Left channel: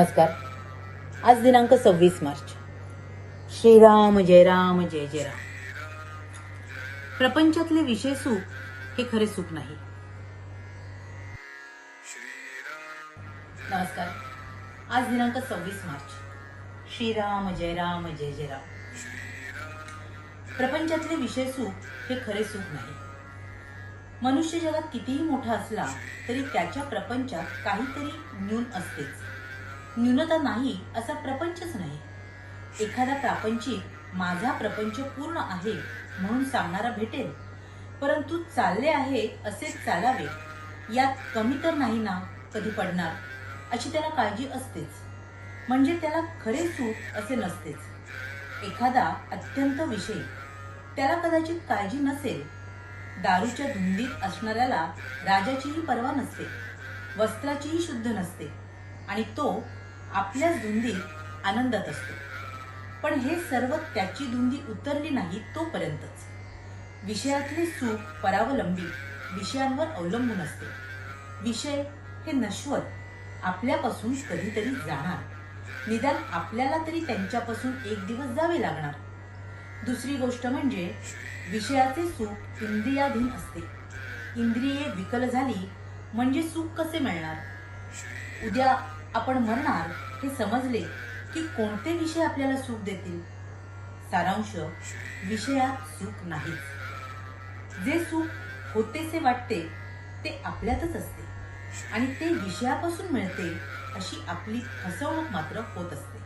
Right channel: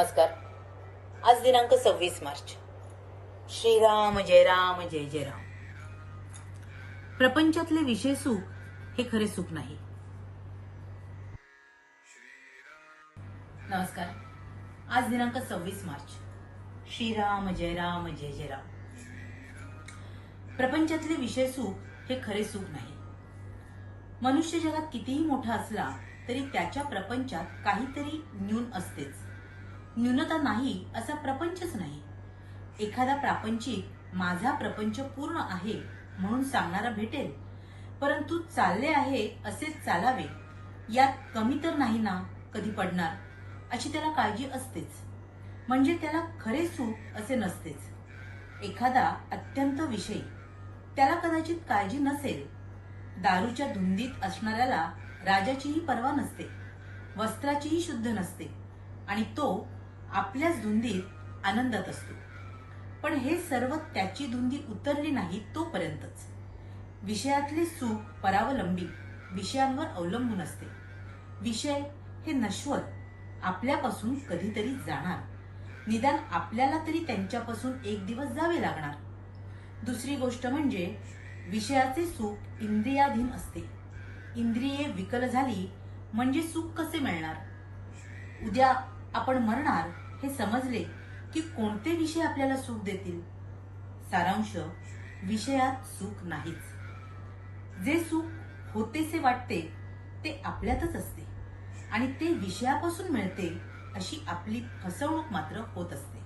नमस्कार. आज दिनांक 26 मार्च. श्रीराम जय राम जय जय राम. प्रपंचातले विषय सुख हे खरे सुख नाही. नमस्कार. आज दिनांक 26 मार्च. श्रीराम जय राम जय जय राम. प्रपंचातले विषय सुख हे खरे सुख नाही. मनुष्य जगात कितीही मोठा असला तरी त्याच्या प्रपंचात काहीतरी न्यून असतेच. न्यूनता नाही असा प्रपंचच नाही. एखादा प्रापंचिक माझा प्रपंच पूर्ण आहे म्हणून सांगणारा भेटेल, परंतु चालले आहे असेच चालावे यात कमी तर नाही ना कधी पडणार अशी त्याला काळजी असतेच. म्हणजे त्याला खरे सुख असे नसतेच. एखादा अत्यंत विषयी त्याला कदाचित काळजी नसेल. दारूच्या धुंदीत असणाऱ्याला राजाचीही पर्वा नसते, वस्त्राचीही शुद्ध नसते आणि तो आपल्याच धुंदीत आनंदात असतो. पण हे सर्व त्याची धुंदी उतरली नाही तोपर्यंतच. विषयातले सुख परावलंबी विषयांवर अवलंबून असते. विषय हे नश्वत आपल्यापासून कधीतरी जाणार. निदान आपल्याला तरी त्यांच्यापासून एक दिवस जावे लागणार. दुसरी गोष्ट म्हणजे विषयाचे सुख इंद्रियाधीन असते. इंद्रिये विकल झाली म्हणजे सुख कसे मिळणार? उद्या आपण मरणार हे समजले की कोणते विषय आपल्याला सुख देतील? सारांश, विषयात सुख नाहीच. जे सुख होतेसे वाटते ते आपल्यातच असते आणि ते विषयापासून मिळते अशी आपली फसवणूक मात्र होत असते.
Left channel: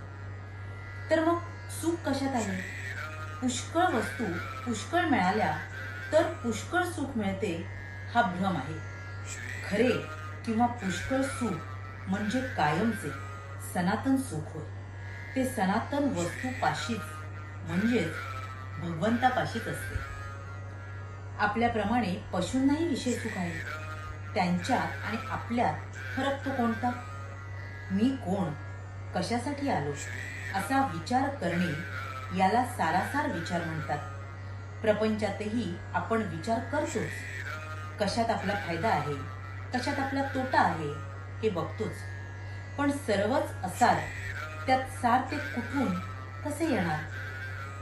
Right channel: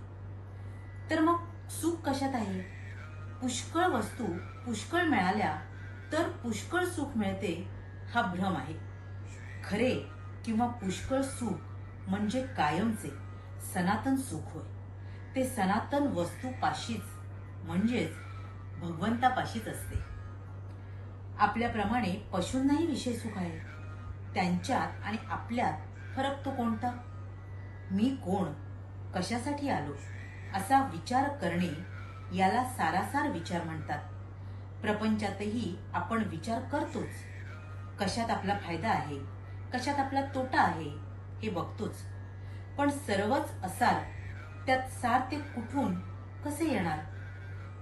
तर मग सुख कशात आहे? पुष्कळ वस्तू पुष्कळ मिळाल्या तर पुष्कळ सुख मिळते हा भ्रम आहे. खरे किंवा पुष्कळ सुख म्हणजे कायमचे सनातन सुख होय. ते सनातन वस्तूपाशीच म्हणजेच भगवंतापाशीच असते. आपल्याप्रमाणे पशूंनाही विषय सुख आहे. त्यांच्यात आणि आपल्यात फरक तो कोणता? मी कोण, कशासाठी आलो असा विचार करणे याला सारासार विचार म्हणतात. प्रपंचातही आपण विचार करतोच. कशात आपला फायदा आहे, कशात आपला तोटा आहे हे बघतोच. पण सर्वच असार त्यात सार ते कुठून कसे येणार?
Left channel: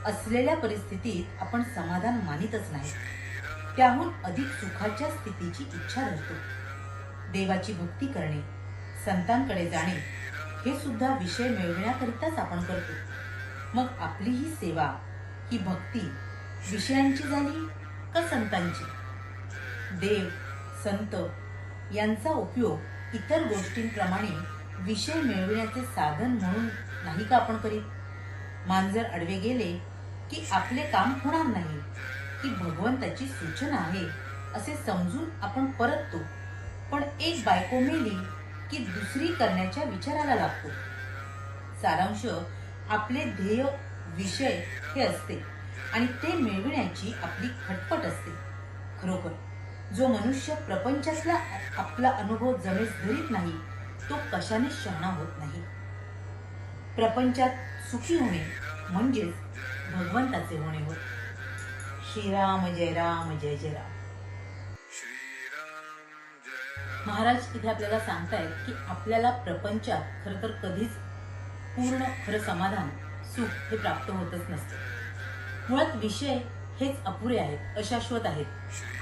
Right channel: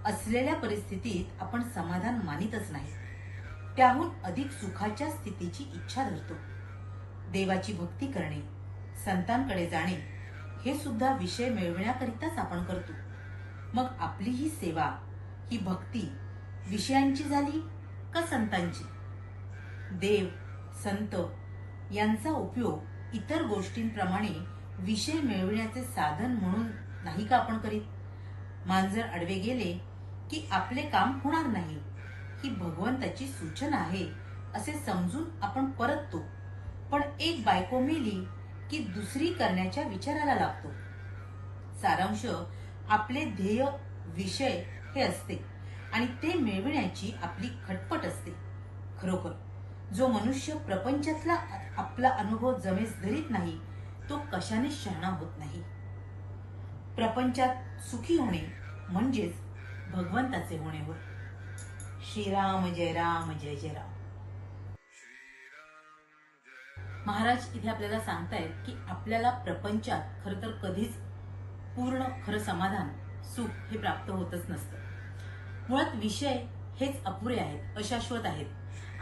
असलेल्या परिस्थितीत आपण समाधान मानितच नाही. त्याहून अधिक सुखाच्या स्थितीची इच्छा धरतो. देवाची भक्ती करणे, संतांकडे जाणे हे सुद्धा विषय मिळविण्याकरिताच आपण करतो. मग आपली ही सेवा, ही भक्ती विषयांची झाली का संतांची? देव, संत यांचा उपयोग इतर गोष्टींप्रमाणे विषय मिळविण्याचे साधन म्हणून नाही का आपण करीत? मांजर अडवे गेले की आपले काम होणार नाही ही भगवंताची सूचना आहे असे समजून आपण परततो. पण एक बायको मेली की दुसरी करण्याच्या विचाराला लागतो. सारांश, आपले ध्येय विषय हे असते आणि ते मिळविण्याची आपली खटपट असते. खरोखर जो मनुष्य प्रपंचातला आपला अनुभव जमेस धरीत नाही तो कशाने शहाणा होत नाही. प्रपंचात सुखी होणे म्हणजेच भगवंताचे होणे होय. श्रीराम जय राम जय जय राम. महाराज इथे आपल्याला सांगतायत की आपल्याला प्रपंचात खरं तर कधीच पूर्ण खरं समाधान, सुख हे प्राप्त होतच नसतं. मुळात विषय हेच अपुरे आहेत, अशाश्वत आहेत.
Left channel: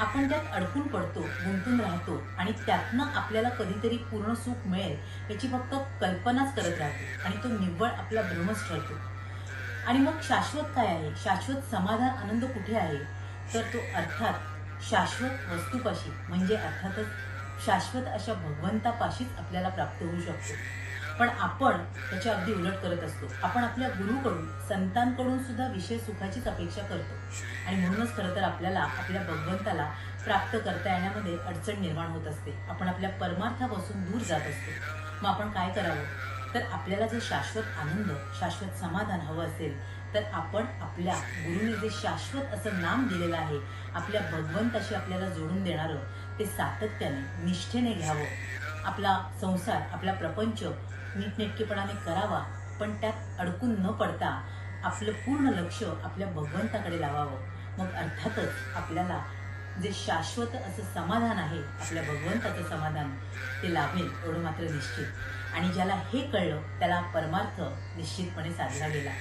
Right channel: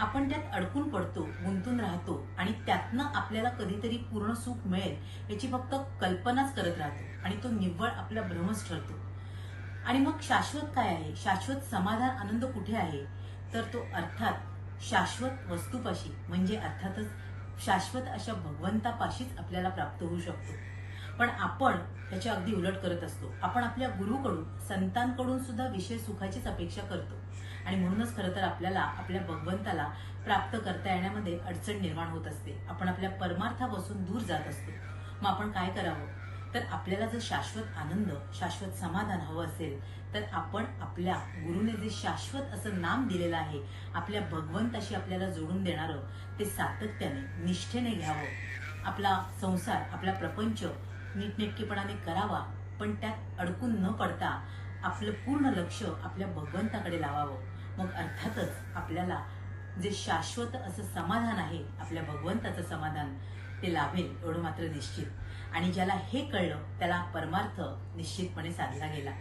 आपण त्यात अडकून पडतो, गुंतून राहतो आणि त्यातनं आपल्याला कधीतरी पूर्ण सुख मिळेल याची फक्त कल्पनाच करत राहतो आणि तो निव्वळ आपला भ्रमच ठरतो. आणि मग शाश्वत काय आहे? शाश्वत समाधान, आनंद कुठे आहे? तर तो अर्थात शाश्वत वस्तूपाशी म्हणजे अर्थातच शाश्वत अशा भगवंतापाशीच आपल्याला प्राप्त होऊ शकतो. पण आपण त्याच्या अगदी उलट करत असतो. आपण आपल्या गुरुकडून, संतांकडून सुद्धा विषय सुखाचीच अपेक्षा करतो आणि म्हणूनच खरं तर आपल्याला आपल्या भगवंताला प्राप्त करता येण्यामध्ये अडचण निर्माण होत असते. आपण आपल्या परमार्थापासून दूर जात असतो. मग आपण काय करावं? तर आपल्याला जर शाश्वत आनंद, शाश्वत समाधान हवं असेल तर आपण आपल्या गुरुने जे शाश्वत असं नाम दिलेलं आहे, आपल्या भगवंताशी आपल्याला जोडून देणारं, ते सातत्याने, निष्ठेने घ्यावं. आपला संसार, आपला प्रपंच नीटनेटकेपणाने करावा, पण त्यात अडकून न पडता आपलं पूर्ण लक्ष आपल्या भगवंताकडे लावावं. मग अर्थातच आपल्याला जे शाश्वत असं समाधान आहे, आपल्या भगवंताचं समाधान, ते लाभेल एवढं मात्र निश्चित. आणि ज्याला हे कळलं त्याला परमार्थ निश्चितपणे साधला गेला.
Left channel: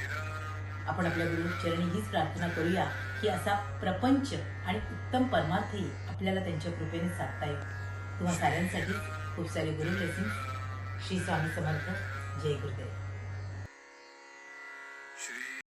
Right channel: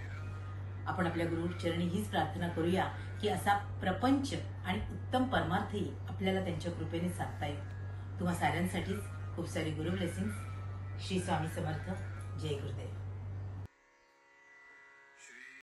आपण आपल्या गुरुचरणी हीच प्रार्थना करूया की असा प्रपंच आणि उत्तम परमार्थही आपल्याला त्यांच्या कृपेने साधता येईल. तुम्हा साऱ्यांसाठी खूप सारे गुरु ब्लेसिंग्स. श्री स्वामी समर्थ. जय गुरुदेव.